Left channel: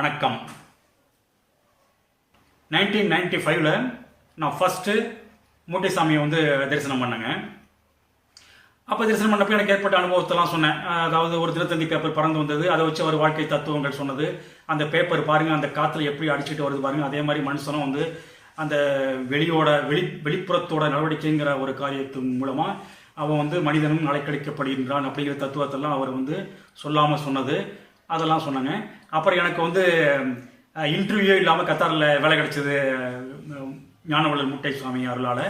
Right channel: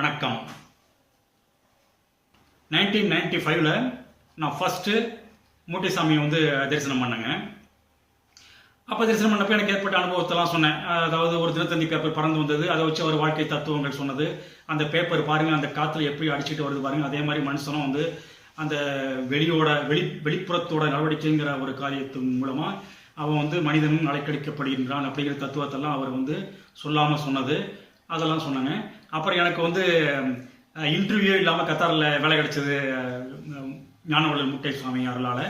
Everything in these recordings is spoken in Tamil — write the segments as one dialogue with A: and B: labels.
A: வணக்கம். நைன்டீன் நைன்டி ஃபைவ்ல நான் ஃபஸ்ட்டு மூட்டைசாமியை வந்து தரிசனம் பண்ணேங்க. அப்போ தரிசனம் பண்ணப்போ எனக்கு ஏற்பட்ட அனுபவத்தெல்லாம் சொன்னேன். அதாவது ஒரு தினத்தந்தி பேப்பர் பறந்து வந்தது. அதை வச்சு அவர் வாழ்க்கை தத்துவங்கள் சொன்னது. அந்த பேப்பர் பாருங்கள் அந்த காற்றுல எப்படி அடிச்சுட்டு வருது பாருங்கள் அதே மாதிரி மனுஷனும் வந்து அந்த வெளியோட வெளி வெளிப்புறத்தோட நடவடிக்கைங்கிற ஒரு காரியத்தின் மூலமாக அவன் வந்து மனிதனும் அலைக்கழிக்கப்படுகின்றான் அப்படிங்கிற தத்துவத்தெல்லாம் அவர் வந்து சொல்லாமல் சொன்னது. அதெல்லாம் சொன்னாங்க. அப்புறம் எனக்கு வந்து இன்டர்வியூ இல்லாமல் கத்தாரில் வேலை கிடச்சது ஞானவள்ளல் முட்டை சுவாமி அருளால்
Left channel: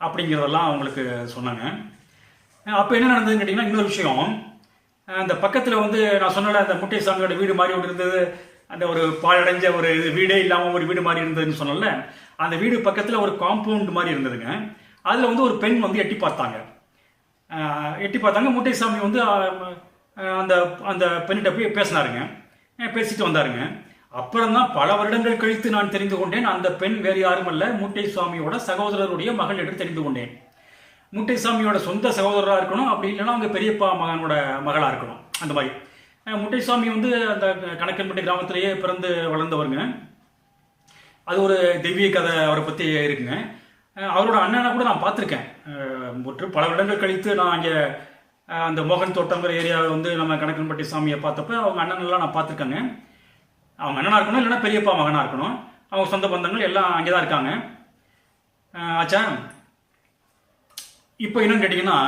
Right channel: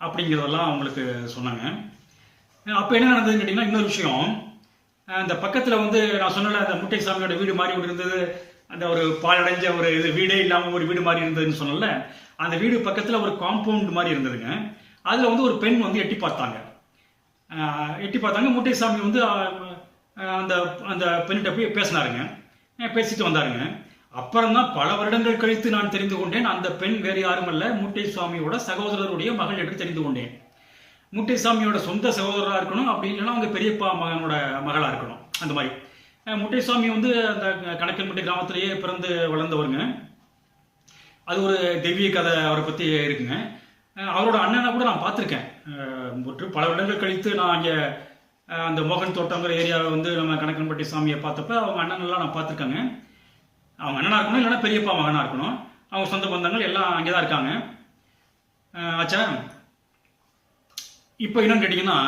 A: அப்படிங்கிறதெல்லாம் அவங்களுக்கு சொன்னாங்க. அப்போ என்ன நடந்ததுன்னு கேட்டிங்கன்னா இன்னொரு விஷயம். அந்த பக்கத்தில் வந்து நான் சொன்னல அந்த முட்டை சாமியோட வீடு மாதிரி ஒன்று இருந்தது அந்த ஒரு பாழடைஞ்ச ஒரு இது வீடே இல்லாமல் ஒரு வீடு மாதிரி இருந்ததுன்னு சொன்னல அந்த வீடு பக்கத்தில் ஒரு காம்பவுண்ட் மாதிரி இருந்ததுங்க. அதில் வந்து ஒரு பெண் வந்து எட்டி பார்த்தாங்க. எட்டி பார்த்தாங்க முட்டைசாமி வந்து அந்த அந்த பெண்ணிட்ட போய் பேசினாருங்க. பேசிட்டு வந்தாருங்க. அப்புறம் தான் பல வருடங்கள் கழித்து நான் தெரிந்து கொண்டேன். அந்த பெண் வேறு யாரும் அல்ல மூட்டை சுவாமியோட சகோதரருடைய மகள் என்று தெரிந்து கொண்டேன். மூட்டை சாமியோட சொந்த சகோதரராக இருக்கணும் அப்படி இல்லைன்னா அவங்க பெரியப்பா மகனோட மகளாக இருக்கணும். அந்த மாதிரி. முட்டை முட்டைசாமி வந்து அந்த கணக்கன்பட்டி கிராமத்திலேயே பிறந்து வளர்ந்தவருங்க. அது ஒரு தெய்வீக கதை அவரை பற்றி இருக்குங்க. அவரோட அண்ணனை கூட நான் பார்த்துருக்கேன். பல வருடங்கள் கழித்து நான் அங்கே அந்த மோகன் தோட்டங்கிற ஏரியாவை வந்து நம்ம கணக்கன்பட்டி சாமியை பார்த்தப்ப அவங்க அண்ணனெல்லாம் நான் பார்த்துருக்கேங்க. அவங்க அண்ணனாக இருக்கணும் இல்லைன்னா பெரியப்பா மகனாக இருக்கணும். அவங்க சொந்த பந்தங்கள் எல்லாம் அங்கே தான் இருக்காங்க ஆச்சா? இப்போ என்னன்னு கேட்டிங்கன்னா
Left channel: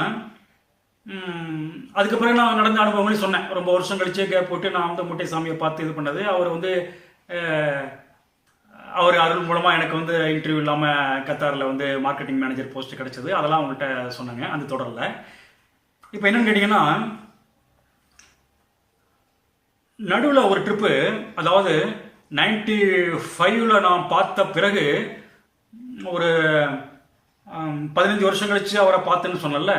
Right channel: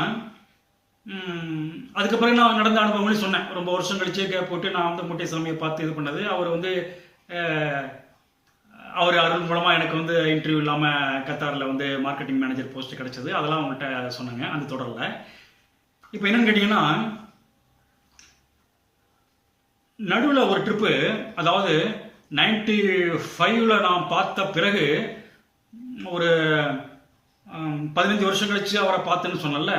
A: அதுக்கப்புறம் அதுக்கு பிறகு நான் நடந்த அனுபவங்களையும் சொன்னேன். ரொம்ப வருஷம் கழிச்சு கேப் போட்டு நான் வந்து முட்டை சாமியை பார்த்து இது பண்ணது. அவர் வந்து அவர் அருள் மூலமாக எனக்கு வந்து இன்டர்வியூ இல்லாமல் கத்தாரில் வந்து மார்க்கெட்டிங் மேனேஜர் போஸ்ட் கிடச்சது. அதெல்லாம் அவங்கள்ட்ட சொன்னாங்க. அந்த தொடரில். இப்போ என்னன்னு கேட்டிங்கன்னா நடுவில் ஒரு ட்ரிப்பு அதாவது நைன்டி ஃபைவ்ல நான் பார்த்த பிறகு ஒரு பதினஞ்சு வருஷம் கழித்து அவரை பார்த்தேன்னு சொன்னல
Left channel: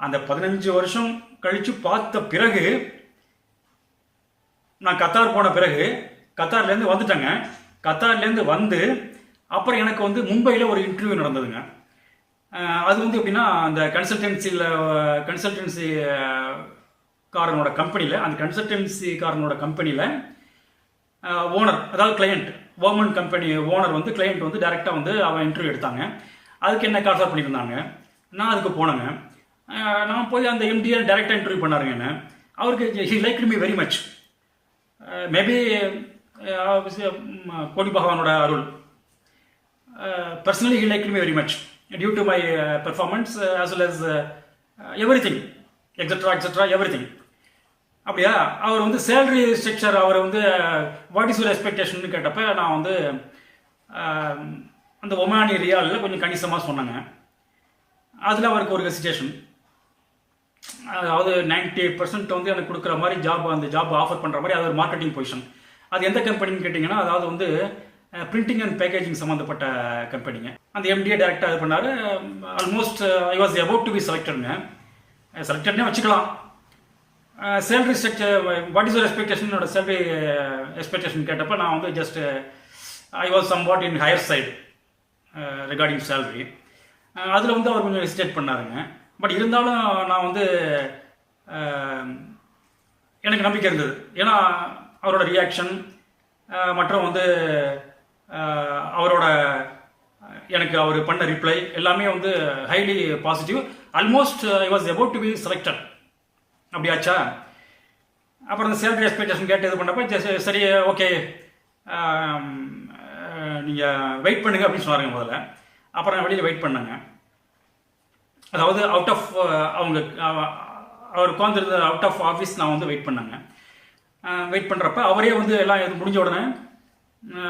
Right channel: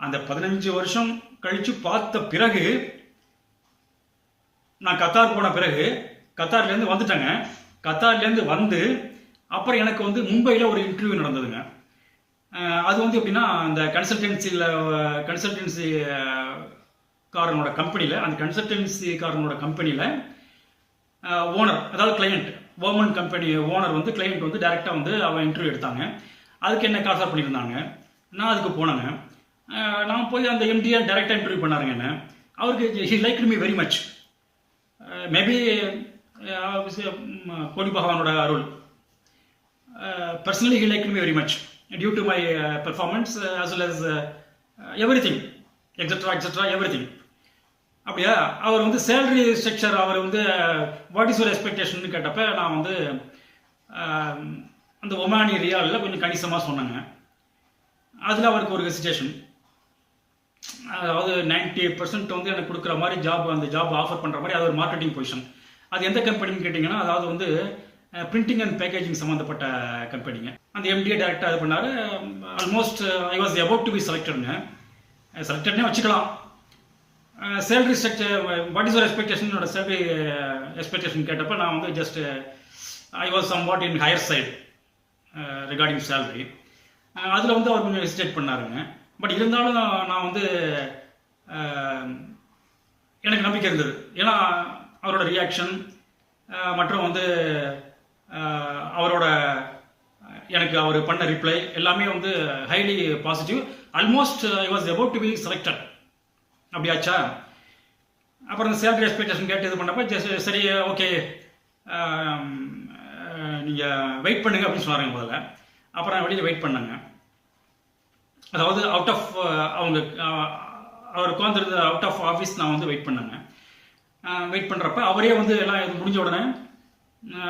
A: அந்த பதினஞ்சு வருஷம் கழித்து பார்த்த பிறகு நான் கத்தார் போன பிறகு கத்தார்லேருந்து வந்துட்டேங்க. கத்தார்லேருந்து வந்து அப்புறம் எனக்கு வந்து மும்பையில் ஒரு இன்டர்வியூ நடந்ததுங்க. அது வந்து எப்படின்னா அந்த கன்சல்டன்சியில் கன்சல்டன்சி காரனோட கம்பெனியில் அந்த கன்சல்டன்சி காரனோட கம்பெனியில் ஓனர் அதாவது கிளையண்ட் ஓமன் கம்பெனி ஓனர் வந்து கிளையண்ட் வந்து டேரெக்டாக வந்து அவன் இன்டர்வியூ எடுத்தாங்க. அதுக்கு என்ன கால்ஃபர் பண்ணியிருந்தாங்க? நான் அதுக்கு போனேங்க. நான் போய் அந்த எம்டியை டேரெக்டாக இன்டர்வியூ பண்ணாருங்க என்ன. அவருக்கு he like me very much maybe கோடி பகவானோட அருள். Personally he like me very much due to my performance as well as everything extra extra everything அப்படியா? அவர் வந்து சேலரி ஸ்ட்ரக்சர் அவர் வந்து வாட் இஸ் யுவர் எக்ஸ்பெக்டேஷன் கேட்டப்ப நான் வந்து um, அந்த ஒமானி ரியாலில் கொஞ்சம் கணிசமாக சொன்னாங்க. அதில் அவருக்கு ஒரு ஹெசிடேஷன் அதாவது 90% பர்சன்ட் வந்து எனக்கு கொடுக்குற மாதிரி ஜாப் அந்த ஜாப் ஆஃபர் பண்ணுற மாதிரி அது ஒரு மார்க்கெட்டிங் பொசிஷன் அது எந்த கம்பெனின்னு கேட்டிங்கன்னா அதாவது வந்து பிரிண்டிங் அண்ட் பேக்கேஜிங் சம்மந்தப்பட்ட கம்பெனிங்க அந்த எம்டிஏ டேரெக்டாக இது பண்ணார். Almost I was about to be செலக்டட்ங்க செலக்டட்னே வச்சுக்கலாம். Salary structure what is your expectation salary expectation கேட்டப்போ நான் வந்து just I was somewhat in higher side regarding salary அதில் வந்து அவர் கொஞ்சம் ஹெசிடேட் பண்ணாருங்க. பட் இருந்தாலும் நான் வந்து எனக்கு நம்பிக்கை இருந்தது. ஏன்னா அவரோட ரியாக்ஷன் மற்றும் வந்து அவரோட எனக்கு அவர் பண்ண ரிப்ளை எல்லாமே வந்து highly positive almost I was about to be selected அப்படியாச்சா? அப்புறம் இந்த சேலரி எக்ஸ்பெக்டேஷன் கேட்டு இது பண்ணப்போ ஜஸ்ட் சரி ஓகே நீங்கள் வெயிட் பண்ணுங்க அப்படின்னு சொன்னாருங்க முதல்ல. அப்புறம் வெளியில் வெயிட் பண்ணாங்க. அதாவது அவுட் ஆஃப் அவங்க அவர் உட்காந்துருந்த அவுட் ஆஃப் ஆஃபீஸ் நான் வந்து வெயிட் பண்ணாங்க. வெயிட் பண்ணுறப்ப அவரே வந்து எல்லாம் இது முடிஞ்ச உடனே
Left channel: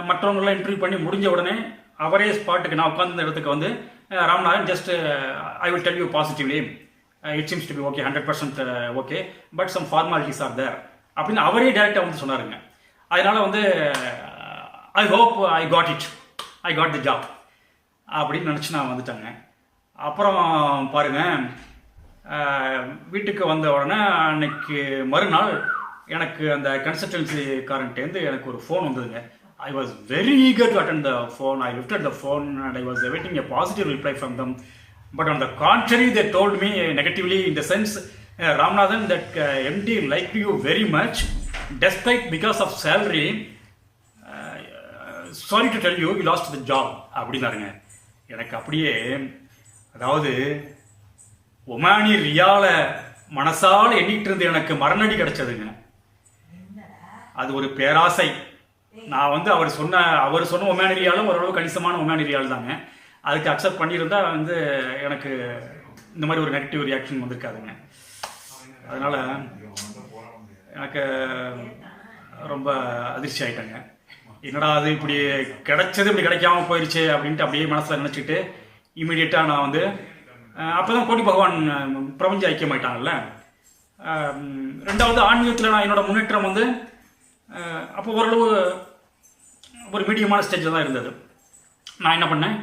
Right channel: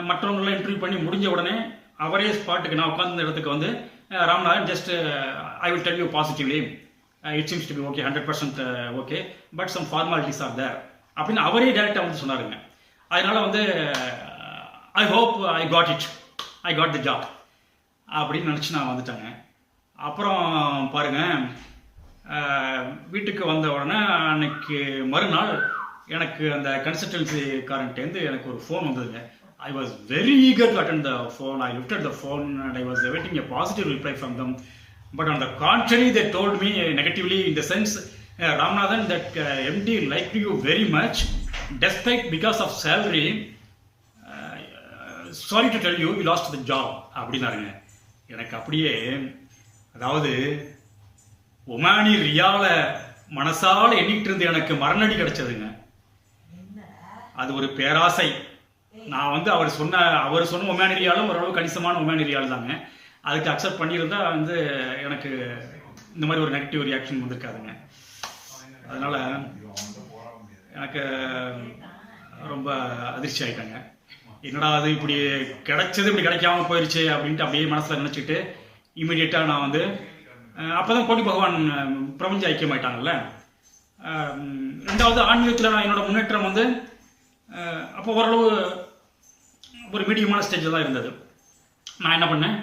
A: மற்றவங்களாம் இன்டர்வியூ பண்ணி முடிஞ்ச உடனே அவரே ஸ்பாட்டுக்கு நான் உட்காந்து இடத்துக்கு வந்து Ramanathan just I will tell you positively it seems to be okay hundred percent okay but some formalities are there அப்படின்னு அவரே டேரெக்டாக வந்து சொன்னாருங்க. அதனால் வந்து I hope I got it I got the job அப்படின்னு நினச்சி நான் வந்துட்டேங்க. அப்புறம் பாருங்கள் வீட்டுக்கு வந்த உடனே அன்னைக்கு மறுநாள் எனக்கு அந்த கன்சல்டன்சிக்காரன்ட்டேருந்து எனக்கு ஒரு ஃபோன் வந்ததுங்க. I was very eager to attend the phone I lifted the phone and I was awaiting a positive reply from them but on the contrary they told me negatively in the sense uh, Ramanathan that uh, MD liked you very much despite because of salary sorry to tell you you lost the job அப்படின்னாருங்க எனக்கு அப்படியே அதாவது ஒமானி ரியால மனசால எண்ணிட்டு இருந்து எனக்கு மரணடி கிடைச்சதுங்க அது ஒரு பேராசை நான் வந்து அவர் சொன்ன அவர் சொன்ன உமேன் ரியாலும் ஓரளவு கணிசமான உமேன் ரியால் தாங்க. அதுக்கு அக்செப்ட் பண்ணியிருந்தா வந்து எனக்கு இந்த மாதிரி ஒரு நெகட்டிவ் ரியாக்ஷன் வந்திருக்காதுங்க. அதனால் எனக்கு ரொம்ப அதிர்ச்சி ஆயிட்டேங்க. என்னடா அது இப்படி கிடைச்சது இப்படி கிடைக்காம போயிடுச்சு அப்படின்ட்டு அப்படியே மனசில் நினச்சிட்டு இமீடியட்டாக நான் வந்து அப்போ தான் கோட்டி பகவான் பிரபஞ்ச ஐக்கியமாயிட்டாங்கல்ல. ஆயிட்டாங்கல்ல ரெண்டாவது ஆன்மீகத்தில் நான் என்னோடய முன்னேற்றம் வந்து அப்போ ஓரளவு ஒரு மீடியமான ஸ்டேஜில் தான் இருந்தது. நான் என்ன பண்ணேன்?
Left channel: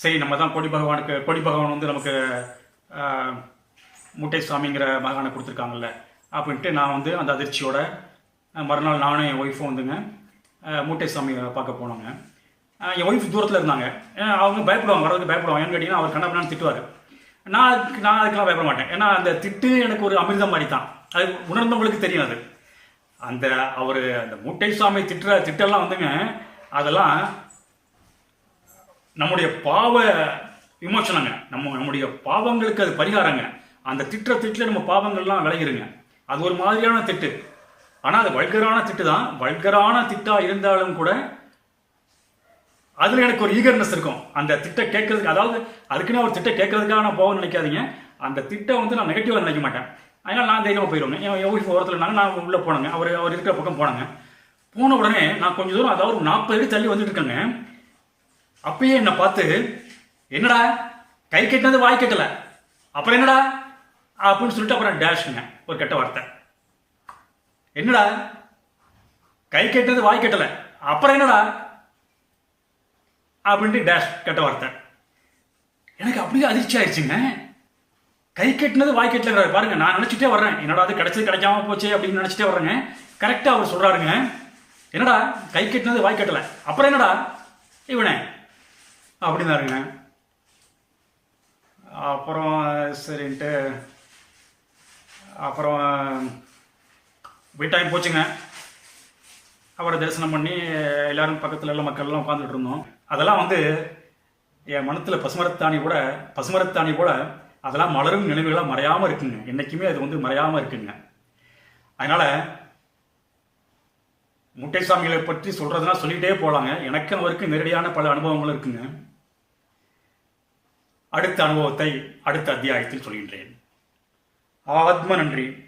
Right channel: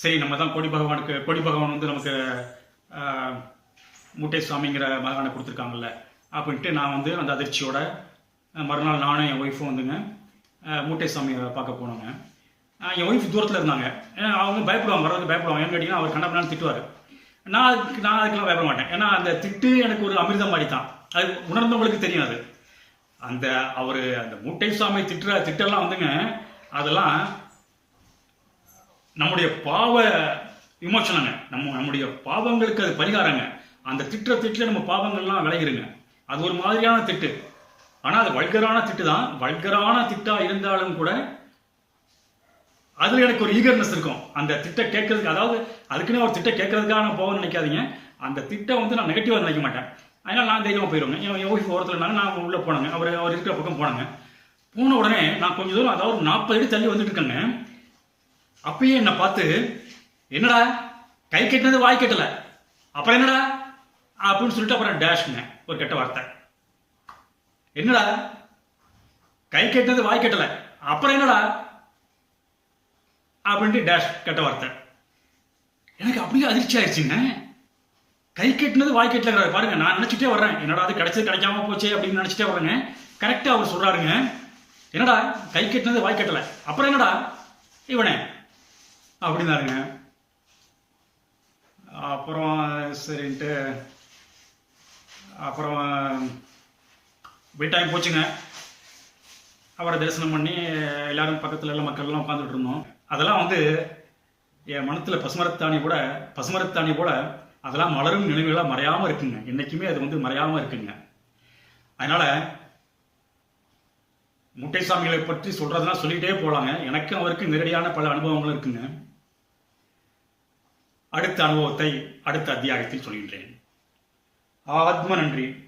A: சரி நம்ம தான் கோடி பகவானுக்கு கோடி பகவான் வந்து நமக்கு முட்டை மூட்டை சுவாமிங்கிற மகானை கொடுத்துருக்காங்கல்ல அப்படின்ட்டு நான் வந்து அந்த அதிர்ச்சியோட மறுநாள் நானும் என் ஒய்ஃபும் வந்துங்க மூட்டை சுவாமியை பார்க்க போனோங்க. என் ஒய்ஃப் தூரத்தில் இருந்தாங்க. அவங்க பயப்படுவாங்க வரதுக்கு பயப்படுவாங்க. ஏன்னு கேட்டிங்கன்னா அவர் கண்ணப்பண்ணான்னு திட்டுவார். நான் அதுக்கு நான் அதுக்கெல்லாம் பயப்பட மாட்டேன். ஏன்னா அந்த திட்டு எனக்கு ஒரு அமிர்தம் மாதிரி தான். அது உணர்ந்தவங்களுக்கு தெரியும் அது. அந்த அவர் அந்த மூட்டை சுவாமி திட்டுற திட்டெல்லாம் வந்துங்க அதெல்லாம் நம்முடைய பாவ விமோசனங்க. நம்ம நம்முடைய பாவங்களுக்கு அது பரிகாரங்க. அந்த திட்டுற திட்டில் நம்ம பாவங்கள்லாம் விளையிருங்க அது ஒரு மாதிரியான திட்டு. ஆனால் அது வல்கரான திட்டு தான் வல்கரான திட்டாக இருந்தாலும் கூட அதில் எனக்கு ஒரு ஈகர்னஸ் இருக்கும். அந்த திட்டை கேட்கறதுக்கு அதாவது அதுக்குன்னு ஒரு திட்டை கேட்கறதுக்காக நான் போகணும்னு நினைக்காதீங்க. அந்த திட்டை வந்து நான் நெகட்டிவாக நினைக்க மாட்டேன். அதனால் நான் தைரியமாக போயிடுவேங்க என் என் ஓரத்தில் இருந்தாங்க. நான் உள்ளே போனேங்க. அவர் அவர் இருக்கிற பக்கம் போனேங்க. போன உடனே நான் கொஞ்சம் தூரம் அதாவது ஒரு நாற்பது அடி தள்ளி வந்துட்டு இருக்கேங்க. அப்பயே என்னை பார்த்து என்னடா? கை கட்டினது வாய் கட்டலை. அப்புறம் என்னடா? அப்படின்னு சொல்லிட்டு அப்புறம் டேஷ்ங்க ஒரு கெட்ட வார்த்தை. என்னடா? கை கட்டினது வாய் கட்டலை. அப்புறம் என்னடா? அப்படின்ட்டு டேஷ் கெட்ட வார்த்தை. எனக்கு அப்படியே அதிர்ச்சி ஆயிடுச்சுங்க கை கட்டினது வாய் கட்டலங்கிறாரு. பாருங்க நான் நினைச்சிட்டே வர்றேன். என்னடா அது கிடைச்சது கிடைக்காம போச்சு அப்படின்னு நினைச்சிட்டே வர்றேங்க. கரெக்டாக அவர் சொல்றாருங்க. என்னடா கை கட்டினது வாய் கட்டலை. அப்புறம் என்னடா? இவனே. அப்படின்னாருங்க. அப்புறம் சரின்ட்டு அப்புறம் வீட்டாயம் போச்சுங்க. அவரை தரிசனம் பண்ணி எல்லாரும் பக்கத்தில் எல்லாம் மக்கள்லாம் உட்காந்துட்டு இருந்தோம். அதெல்லாம் வந்து என் மனத்தில் பசுமரத்தாணி கூட பசுமரத்தாணி கூட அதெல்லாம் மலரும் நினைவுகளாக மறையாமல் இருக்குங்க. என்றைக்குமே அது வந்து மறையாமல் இருக்குங்க. அதனால் முட்டைசாமிகளை பற்றி சொல்கிறதுனா சொல்லிகிட்டே போகலாங்க எனக்கும் அவருக்கு நேரடியான பல அனுபவங்கள் இருக்குங்க. அடுத்த அனுபவத்தை அடுத்த அத்தியாயத்தில் சொல்கின்றேன். ஆத்ம நன்றி.